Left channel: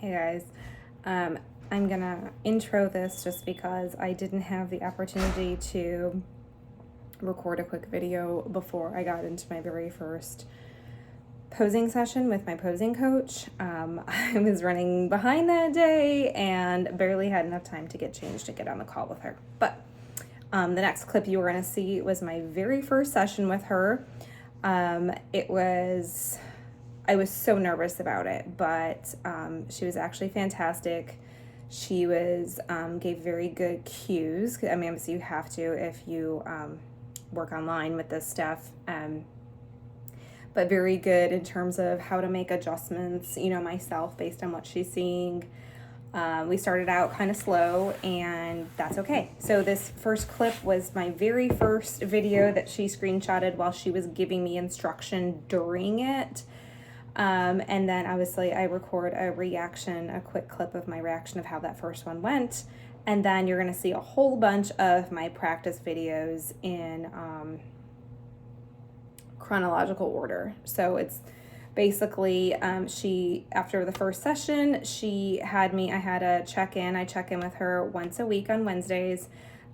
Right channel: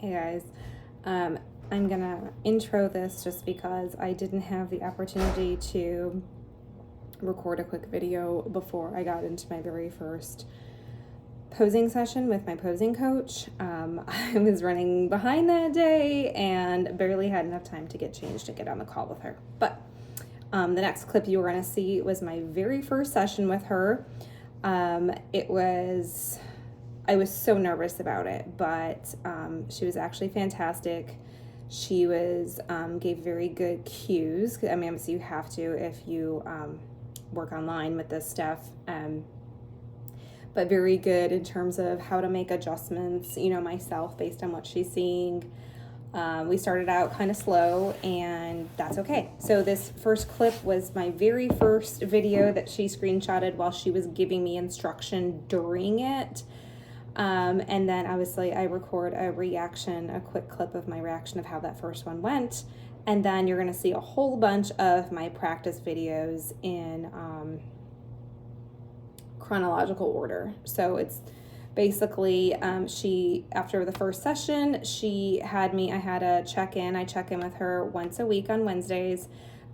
Hey guys, I'm gonna intro this just because I didn't have the opportunity to record a quick video before I got into my very first posing session with my posing coach. I was running behind that day and barely had enough time to get changed and get on the call with her. But the next clip you were gonna see was my very first session with her. I was so nervous about it, but she was actually fantastic. She gave very good cues. I mean, obviously you have to if you work online with this stuff, but very good in terms of how to make adjustments, myself based on what she's seeing. We started out kind of slow, and that's okay. So this first clip was my very first video that she screenshotted while she was giving me instruction during it. And then obviously I record a quick clip of my reaction of how that first one went. And then you're going to see a whole bunch of my practice videos in chronological order. So it's basically, after the first session, I had a check-in. I check in with her once a week on Wednesdays.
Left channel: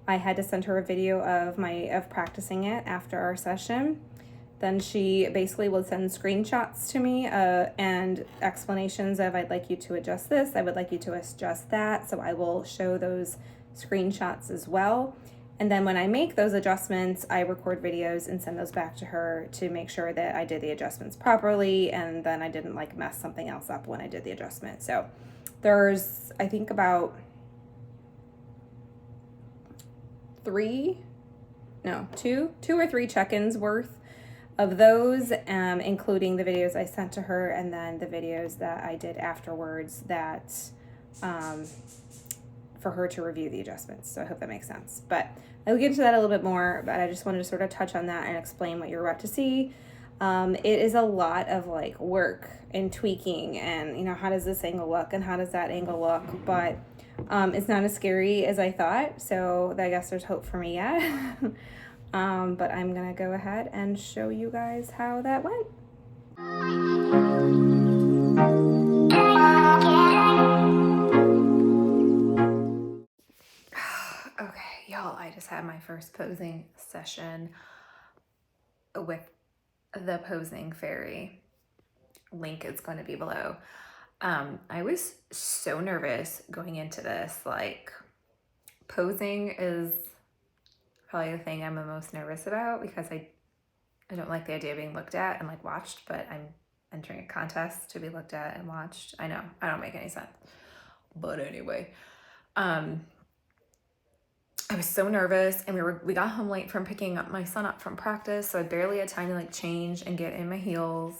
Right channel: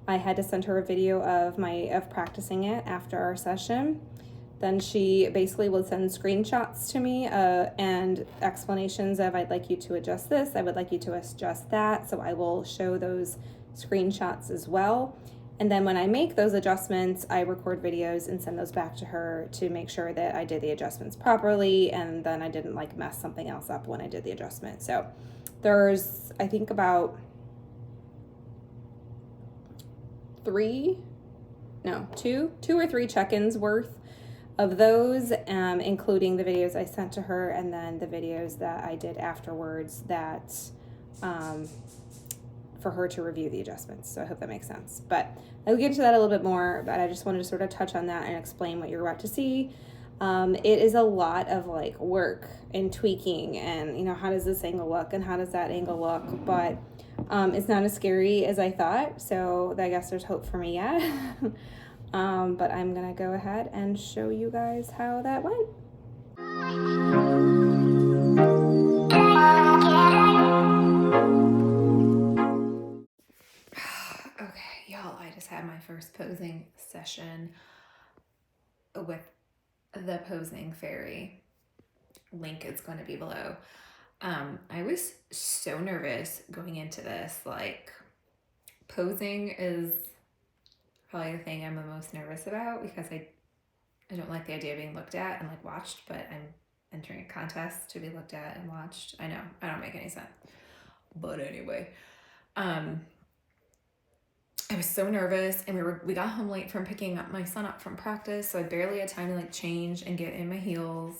I had to send her a video of practicing it after our session. Then she basically will send screenshots to me and explanations of, I'd like you to adjust this, I would like you to adjust that. So I will show those screenshots as well. And then when I make those adjustments, I record videos and send those back to her to make sure that I did the adjustments properly, and then I didn't mess something else up when I did the adjustment. So there's, I think, about two or three check-ins worth of those, including the videos I sent to her and then the videos that I did afterwards that for her to review the adjustments. So I hope that makes sense. But I'll get into that a little bit more, but I just wanted to sort of touch on that and explain what you're about to see. It is a lot of work and tweaking and, how does this angle look and how does that angle look? But it's not as scary as I thought. So I guess there's hope for me yet. But I'm gonna go ahead and show you guys how that went. Okay, y'all, I just had my first posing session with the posing fairy. Link is going to be below. I was so nervous going into this. Posing is probably the thing I'm the most nervous about because I don't like the idea of being looked at and watched, but I'm entering a contest to be looked at and watched. I know, I don't make any sense. But anyway, I was so nervous, and we got home late from picking up my son up from practice, so I barely had time to change and get in my heels.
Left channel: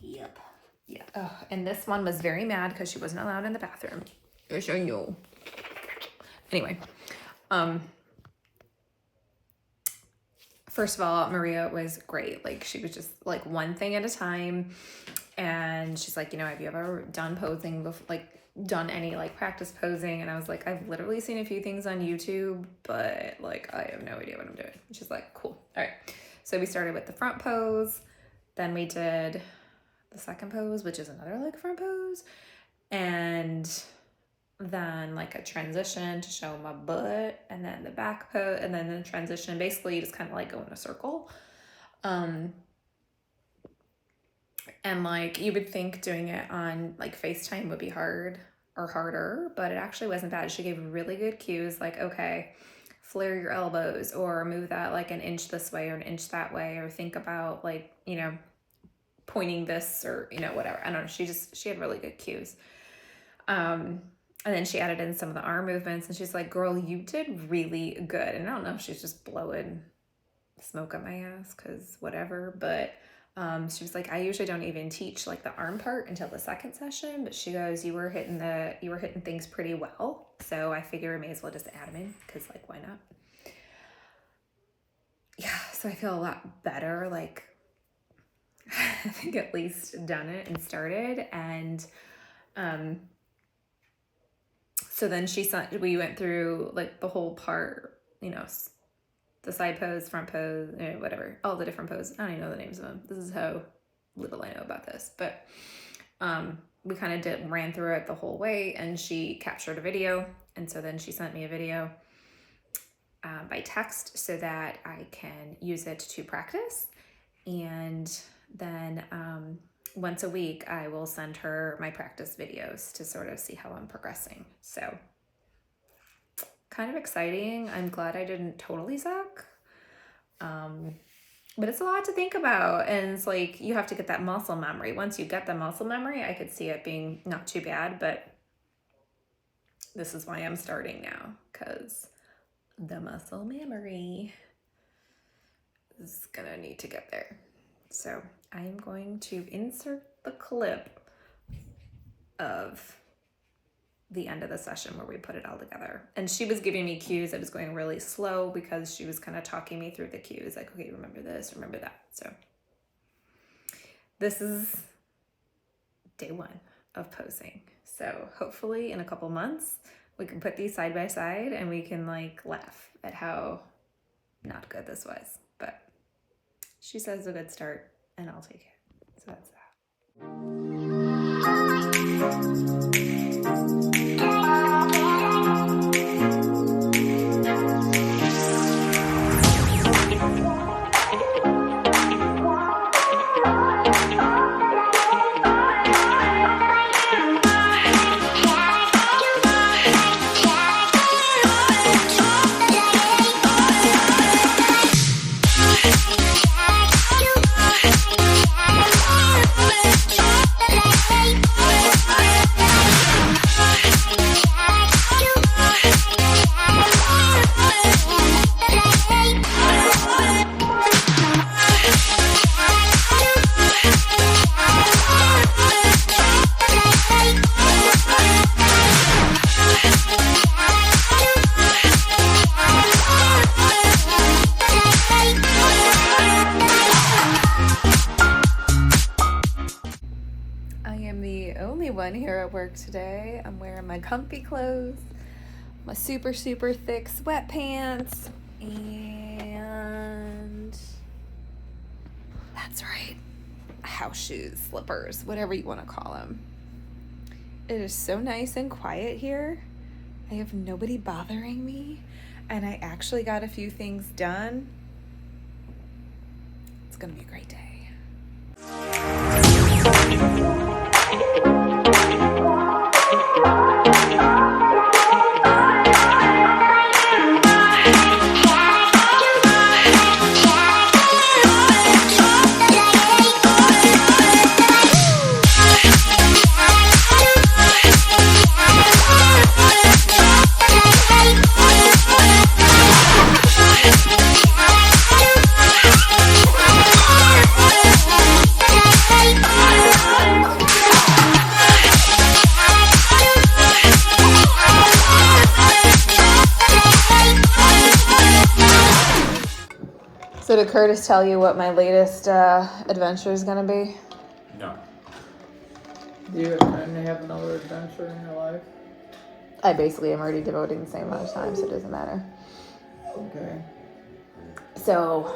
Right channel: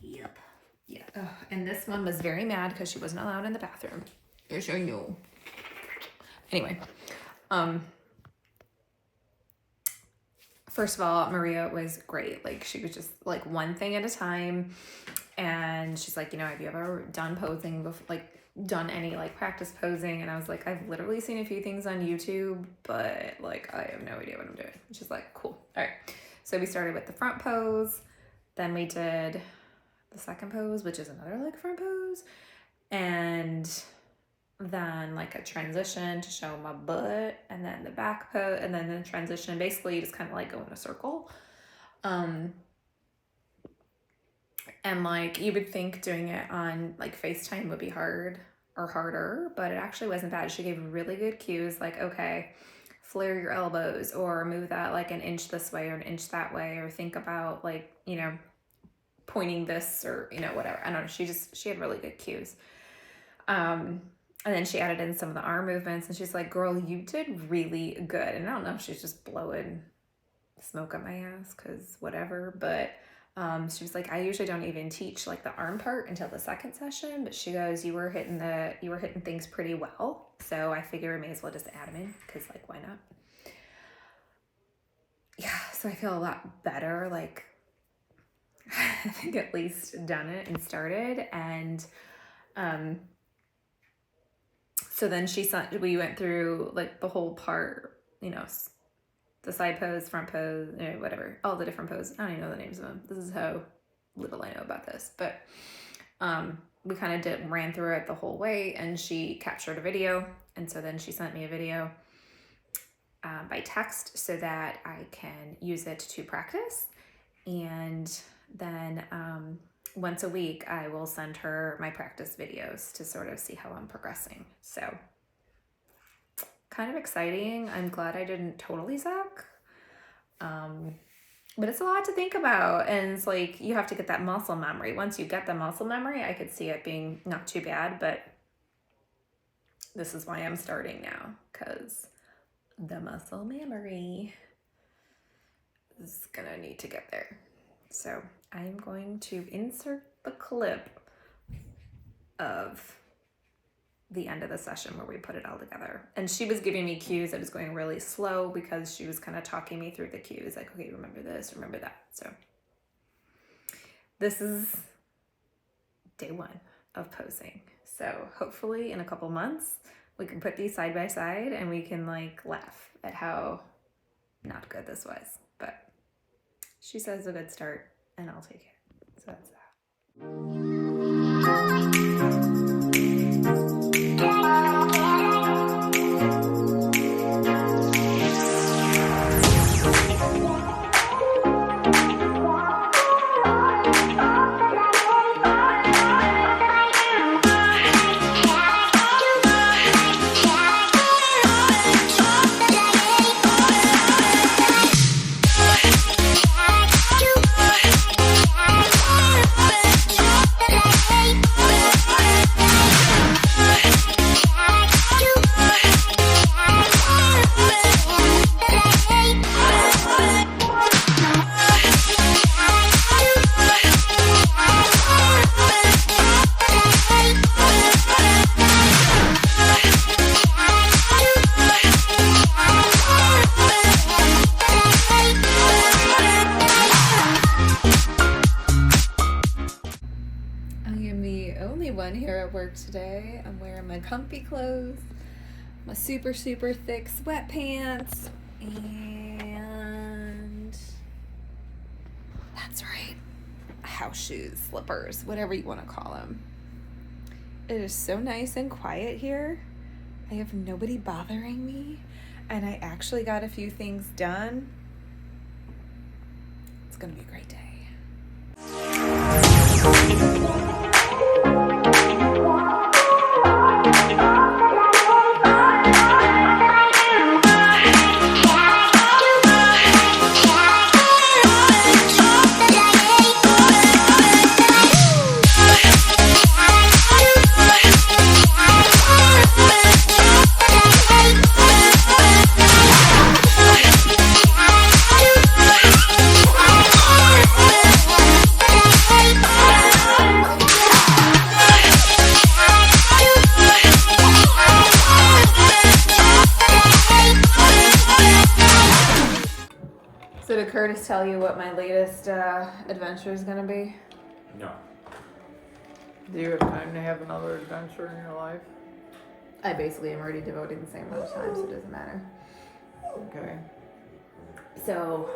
Yep. Yeah. Oh, and this one was very mad because she wasn't allowed in the bathroom. I'll show you. Anyway, first of all, Maria was great. She was just one thing at a time. And she's like, have you ever done posing before, done any practice posing? And I was like, I've literally seen a few things on YouTube, but I have no idea what I'm doing. And she's like, cool. All right. So we started with the front pose. Then we did the second pose, which is another front pose. And then a transition to show my butt, and then the back pose, and then the transition. Basically you just kind of go in a circle. And you would think doing it on FaceTime would be hard or harder, but it actually wasn't bad. She gave really good cues, okay, flare your elbows, or move that an inch this way or an inch that way, or think about pointing this, or whatever. I don't know, she had really good cues. And then she added in some of the arm movements, and she's like, girl, you did really good. And I don't know if she's just blowing smoke up my ass because whatever, but she was like, I usually don't even teach the arm part until the second session, but she goes, you were hitting things pretty well, so I figure I may as well just add them in because why not? Yeah, so I feel a lot better. I think at least done it and started. And so then we went through the whole part, the side pose, front pose, whatever, all the different poses. I don't even know the names of them. This is how little I know about this. But we kind of ran through it the whole way, and she captured a video. And so then she sent me a video by text so that I can use it to practice. And then once a week, I will send her my practice videos to sort of see how I'm progressing. So kind of exciting. I'm glad I didn't totally suck. But it's a lot to think about. And it's like, you have to get that muscle memory. Once you get the muscle memory, I could see it being not too bad, but this is why I'm starting now, because the muscle memory is gonna need to get there. So I'm going to insert the clip of the end of the session where we put it all together. And she was giving me cues. I was going really slow because she was kind of talking me through the cues, like, okay, remember this, remember that. So this is day 1 of posing. So hopefully in a couple months, we can put these side by side and we can like laugh at how not good this was. But she says a good start and I'll take it. So that's that. Here at work today. I'm wearing my comfy clothes, my super thick sweatpants, and that's right, house shoes, slippers, whatever you want to call them. It is so nice and quiet here. I have nobody bothering me, and I actually got a few things done. It's gonna be a great day. So did Curtis tell you what my latest adventure is going to be? No. Do you have time to have another adventure in your life? I basically am already devoting the same amount of time, so it doesn't matter. Okay. So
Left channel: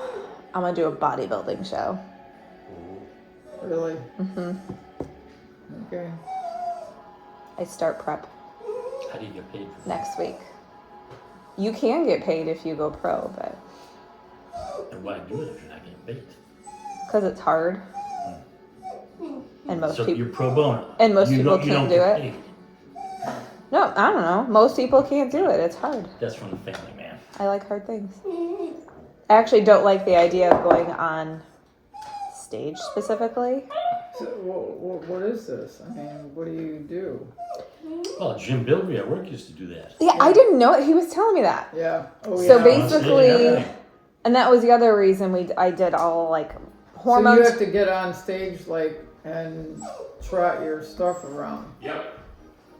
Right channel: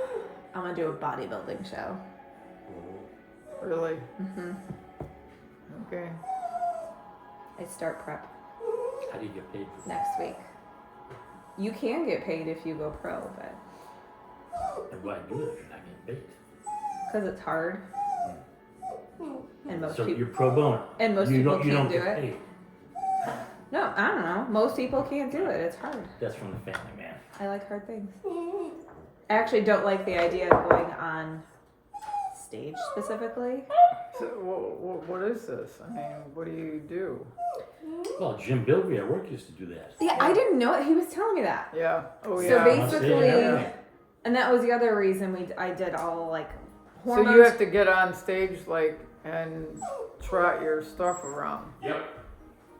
I'm going to do a bodybuilding show. Really? Mm-hmm. Okay. I start prep How do you get paid for that? next week. You can get paid if you go pro, but... And why do it if you're not getting paid? Because it's hard. And most So people... you're pro bono. And most people you can't don't do get it. paid. No, I don't know. Most people can't do it. It's hard. That's from the family, man. I like hard things. I actually don't like the idea of going on stage specifically. So, what is this? I mean, what do you do? Well, Jim Bilby at work used to do that. Yeah, I didn't know it. He was telling me that. Yeah. Oh, So yeah. basically- Yeah. And that was the other reason I did all like So hormones. you have to get on stage, like, and trot your stuff around. Yep.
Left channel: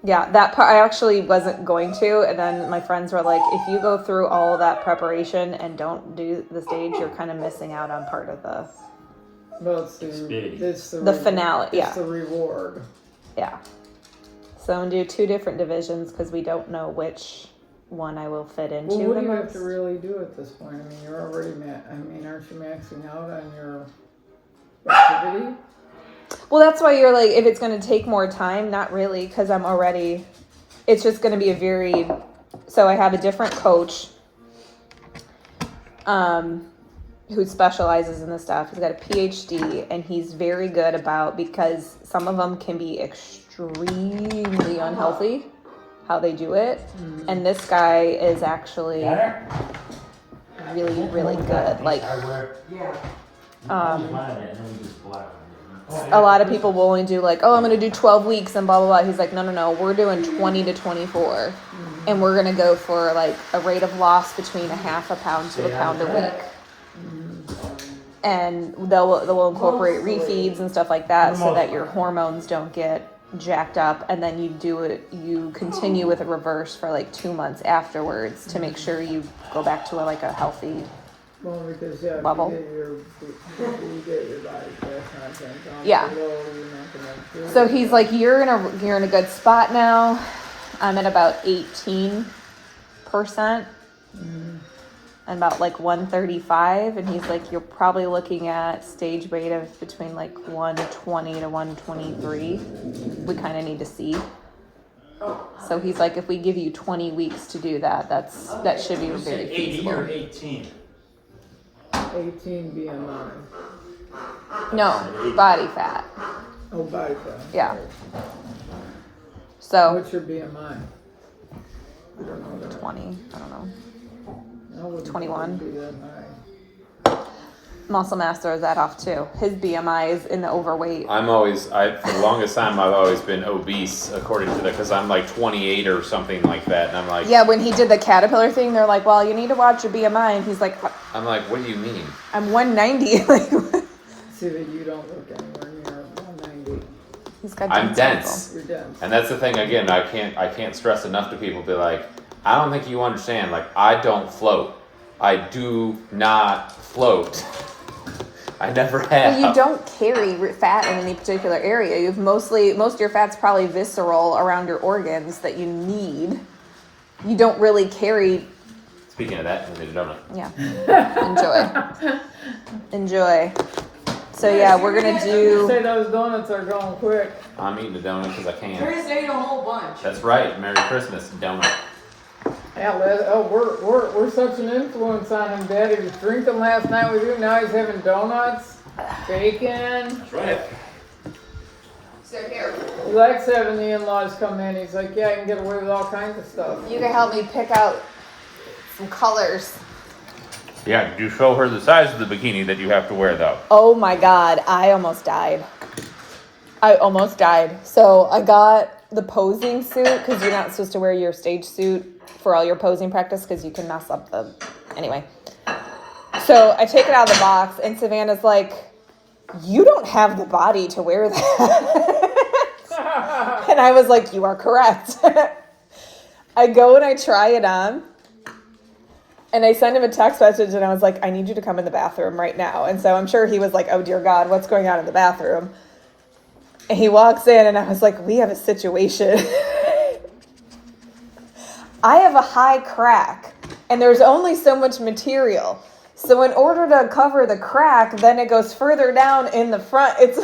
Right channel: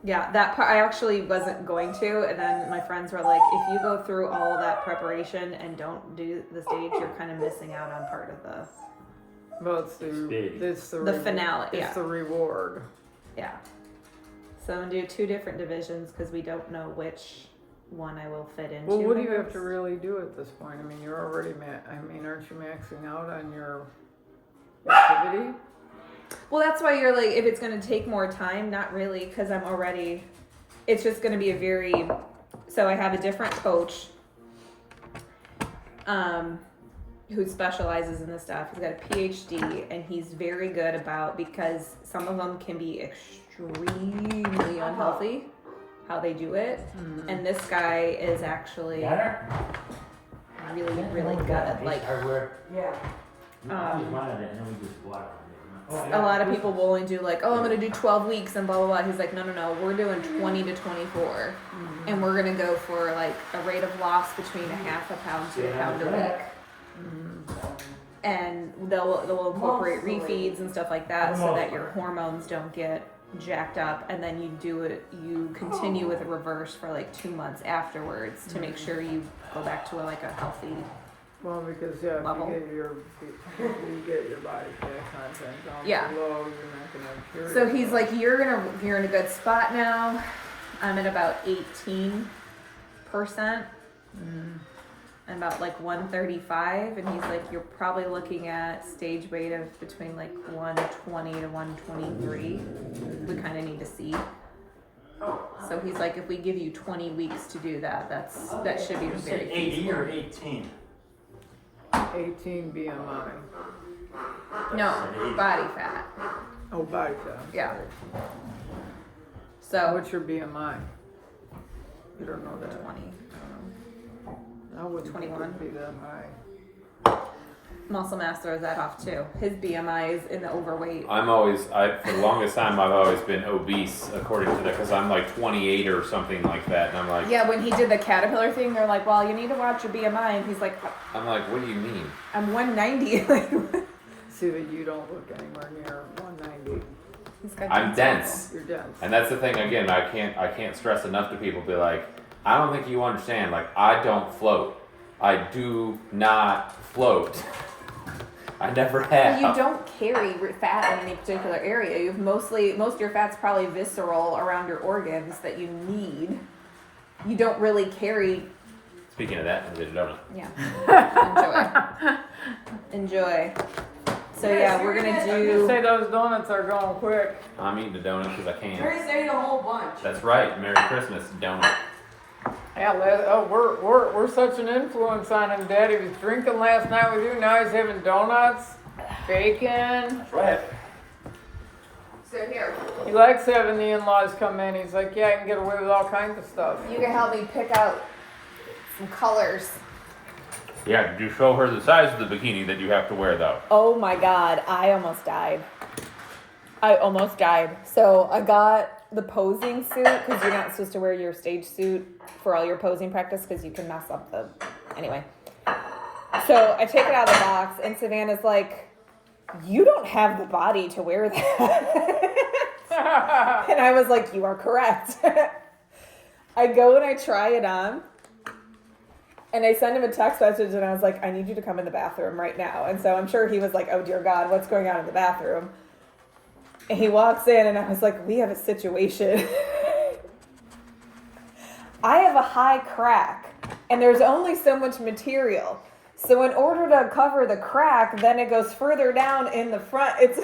Yeah, that part I actually wasn't going to, and then my friends were like, if you go through all that preparation and don't do the stage, you're kind of missing out on part of the... Well, it's the finale, It's yeah. the reward. Yeah. So I'm going to do 2 different divisions because we don't know which one I will fit into. Well, what the do you have most. to really do at this point? I mean, you're already aren't you maxing out on your activity? Well, that's why you're like, if it's going to take more time, not really, because it's just going to be so I have a different coach who specializes in this stuff. He's got a PhD, and he's very good because some of them can be extremely unhealthy, how they do it. Mm-hmm. And this guy is actually really, really good. Like, a lot of people will only do like, oh, I'm going to do 12 weeks and blah, blah, blah. He's like, no, we're doing 20 to 24. Mm-hmm. And we're going to go for like a rate of loss between a half a pound to a pound a week. Mm-hmm. And they'll incorporate refeeds and stuff like that so that your hormones don't get jacked up. And then you continue with a reverse for like 2 months afterwards to make sure you go back to a healthy Well, because level. You get your body fat content down Yeah. below, you're not gonna. So he's like, you're in a good spot now. I'm at about 18%. Mm-hmm. And about like 135, and he's like, you're probably looking at stage weight of between like 120 to 123. We kind of need to see. So he's like, if we give you 20 weeks to do that, that should be very feasible. 80 or 18? 18 BMI. No, body fat. Oh, body fat. Yeah. So what's your BMI? You don't know that. 20. I don't know. I wouldn't 21. Be that high. Muscle mass throws that off too. His BMI is in the overweight. For the longest time, I've always been obese according to that, because I'm like 28 or something like that, and I'm like, yeah. When he did the caterpillar thing, they're like, well, you need to watch your BMI, and he's like, I'm like, what do you mean? I'm 190. See that you don't look anywhere near 190. He's got I'm dense. You're dense. And that's the thing. Again, I can't stress enough to people. Be like, I don't think you understand. Like, I don't float. I do not float. I never have. Well, you don't carry fat in any particular area. You have most of your fat's probably visceral around your organs that you need. You don't really carry. Speaking of that, we did a donut. Yeah. Enjoy. So yeah, we're gonna do. You say those donuts are going quick. I'm eating a donut because I can. Chris ate a whole bunch. That's right. Merry Christmas, donut. Yeah, we're such an influence on him. Daddy was drinking last night with you. Now he's having donuts, bacon. That's right. So here, He likes having the in-laws come in. He's like, yeah, I can get away with all kinds of stuff. you can help me pick out some colors. Yeah, did you show her the size of the bikini that you have to wear, though? Oh my God, I almost died. So I got the posing suit, because you're not supposed to wear your stage suit for all your posing practice because you can mess up anyway. So I take it out of the box, and Savannah's like, you don't have the body to wear that. And I was like, you are correct. I go and I try it on. And I sent him a text message, and I was like, I need you to come in the bathroom right now. And so I'm sure he was like, oh, dear God, what's going on in the bathroom? And he walks in, and I was like, we have a situation. I have a high crack, and there's only so much material. So in order to cover the crack, then it goes further down in the front. It's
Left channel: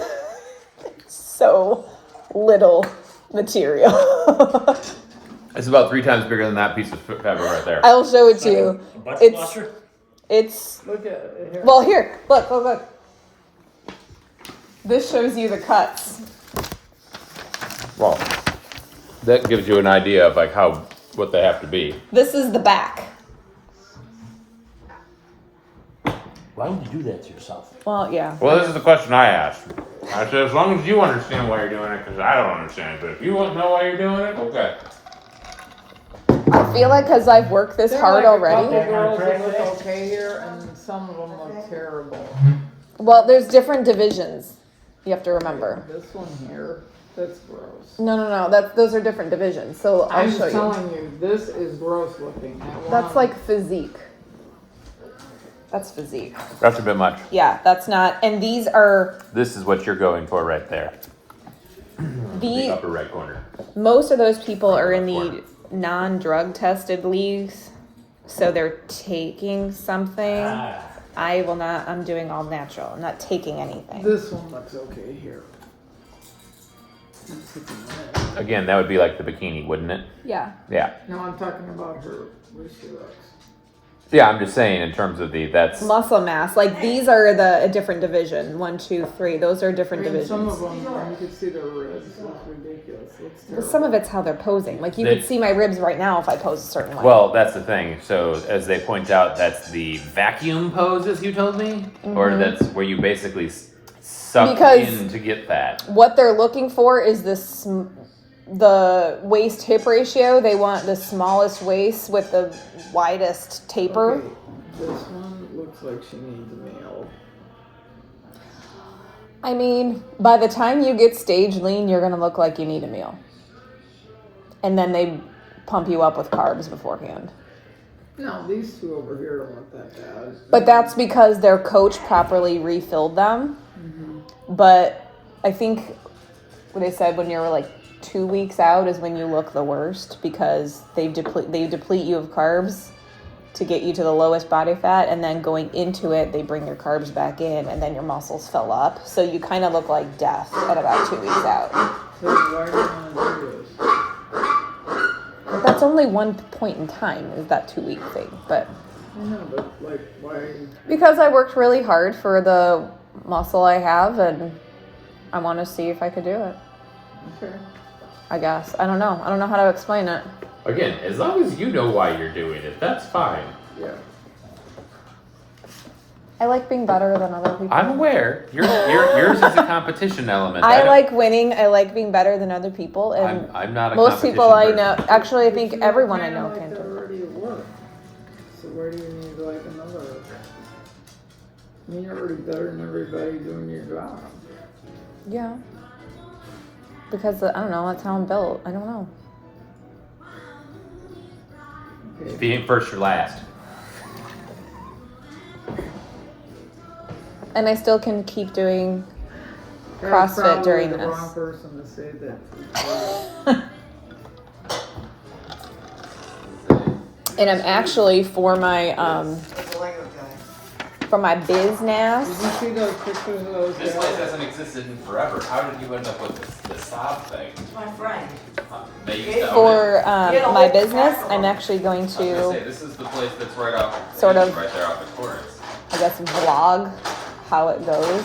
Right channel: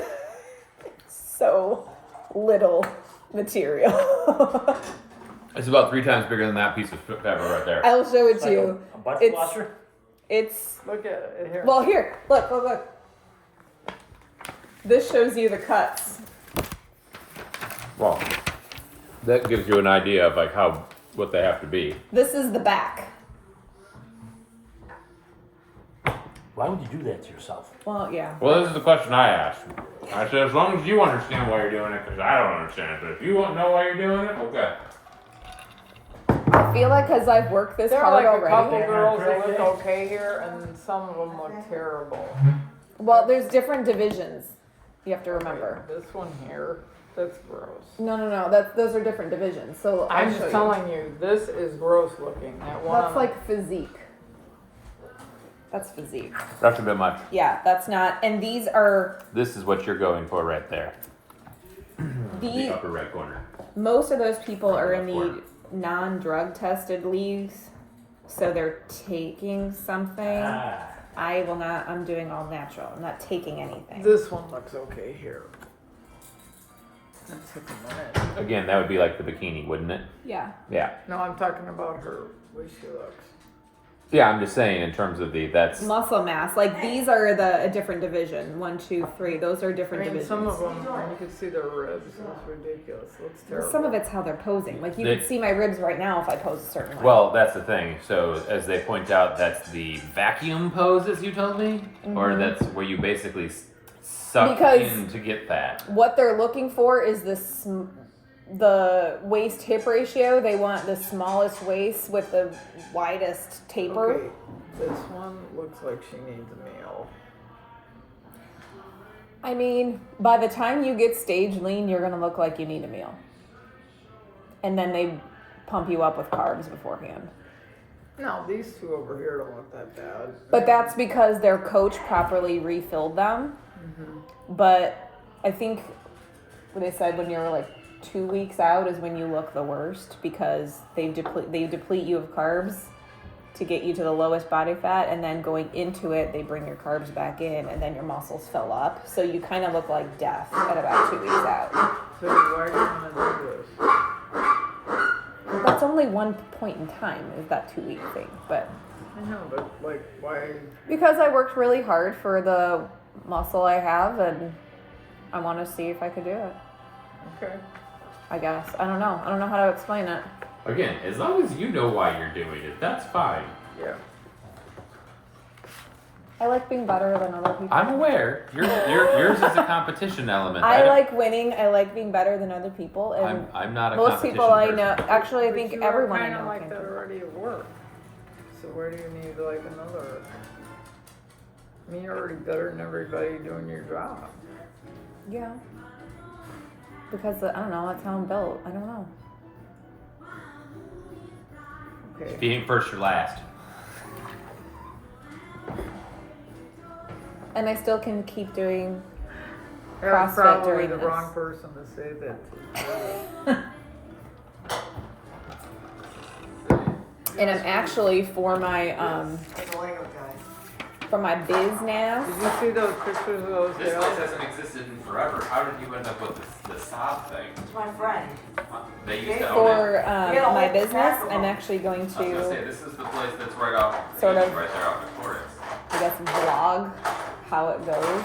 so little material. It's about 3 times bigger than that piece of fabric right there. I'll show it to you. A butt It's flosser? it's Look at it here. well here. Look. This shows you the cuts. Well, that gives you an idea of like what they have to be. This is the back. Why would you do that to yourself? Well, yeah. Well, this is the question I asked. I said, as long as you understand why you're doing it, because I don't understand it. But if you won't know why you're doing it, okay. I feel like because I've worked this There are hard like a already. couple girls that look okay here, and some of them look terrible. Well, there's different divisions. You have to remember. This one here, that's gross. No. Those are different divisions. So I'll I'm show you. telling you, this is gross looking. That one That's like physique. That's physique. That's a bit much. Yeah, that's not. And these are This is what you're going for right there. The the upper right corner. most of those people are in the non-drug tested leagues, so they're taking something. I will not. I'm doing all natural. I'm not taking anything. This one looks okay here. Again, that would be like the bikini, wouldn't it? Yeah. Yeah. No, I'm talking about her, way she looks. Yeah, I'm just saying in terms of that's Muscle mass. Like these are a different division. 1, 2, 3. Those are I different mean, divisions. some of them, you can see the ribs, it's ridiculous, it's terrible. Some of it's how they're posing. Like you They- could see my ribs right now if I pose a certain way. well, that's the thing. So as they point out, that's the vacuum pose, as you told me, or that's where you basically suck Because- in to get that. what they're looking for is the waist hip ratio. They want the smallest waist with the widest taper. Okay, this one looks like she needs a meal. I mean, by the time you get stage lean, you're gonna look like you need a meal. And then they pump you up with carbs beforehand. No, these two over here don't look that bad. But that's because their coach properly refilled them. But I think what they said when you're like 2 weeks out is when you look the worst because they deplete you of carbs to get you to the lowest body fat, and then going into it they bring your carbs back in, and then your muscles fill up, so you kind of look like death at about 2 weeks out. So why do you want to do this? But that's only one point in time, is that 2 week thing. But I know, but like, why? because I worked really hard for the muscle I have, and I want to see if I could do it. Okay. I guess. I don't know how to explain it. Again, as long as you know why you're doing it, that's fine. Yeah. I like being better than other people. I'm aware. Yours is a competition element. I don't- like winning. I like being better than other people, and I'm not a most people I competition know. person. Actually, I But think you everyone I kinda know like can that do. already at work. So where do you need like another? I mean, you're already better than everybody doing your job. Yeah. Because I don't know. That's how I'm built. I don't know. If Okay. you ain't first, you're last. And I still can keep doing That was CrossFit probably during the this. wrong person to say that to. And I'm actually for my Like a Lego guy. for my business. Did you see those pictures of those This place gals? hasn't existed in forever. How did you end up with the sob thing? It's my friend. They used to own it. For Yeah, the my whole business, stack of I'm them. actually going I was gonna say, to, this is the place that's right off. Sort of. Right there off Victoria's. I guess, vlog how it goes.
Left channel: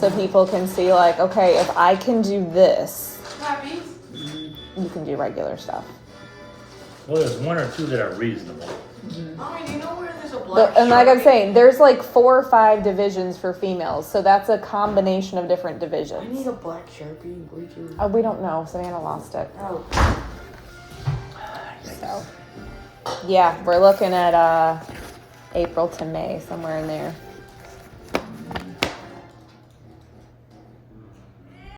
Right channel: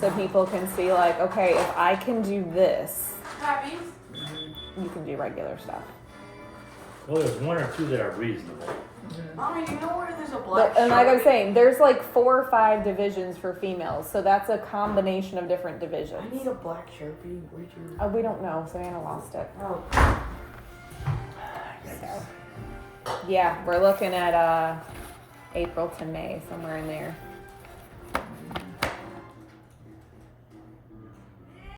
So people can see, like, okay, if I can do this, Happy? you can do regular stuff. Well, there's one or two that are reasonable. Mommy, do you know where there's a black And like I'm Sharpie? saying, there's like 4 or 5 divisions for females, so that's a combination of different I need divisions. a black Sharpie. Would you? We don't know. Savannah lost it. Oh. So, yeah, we're looking at April to May, somewhere in there.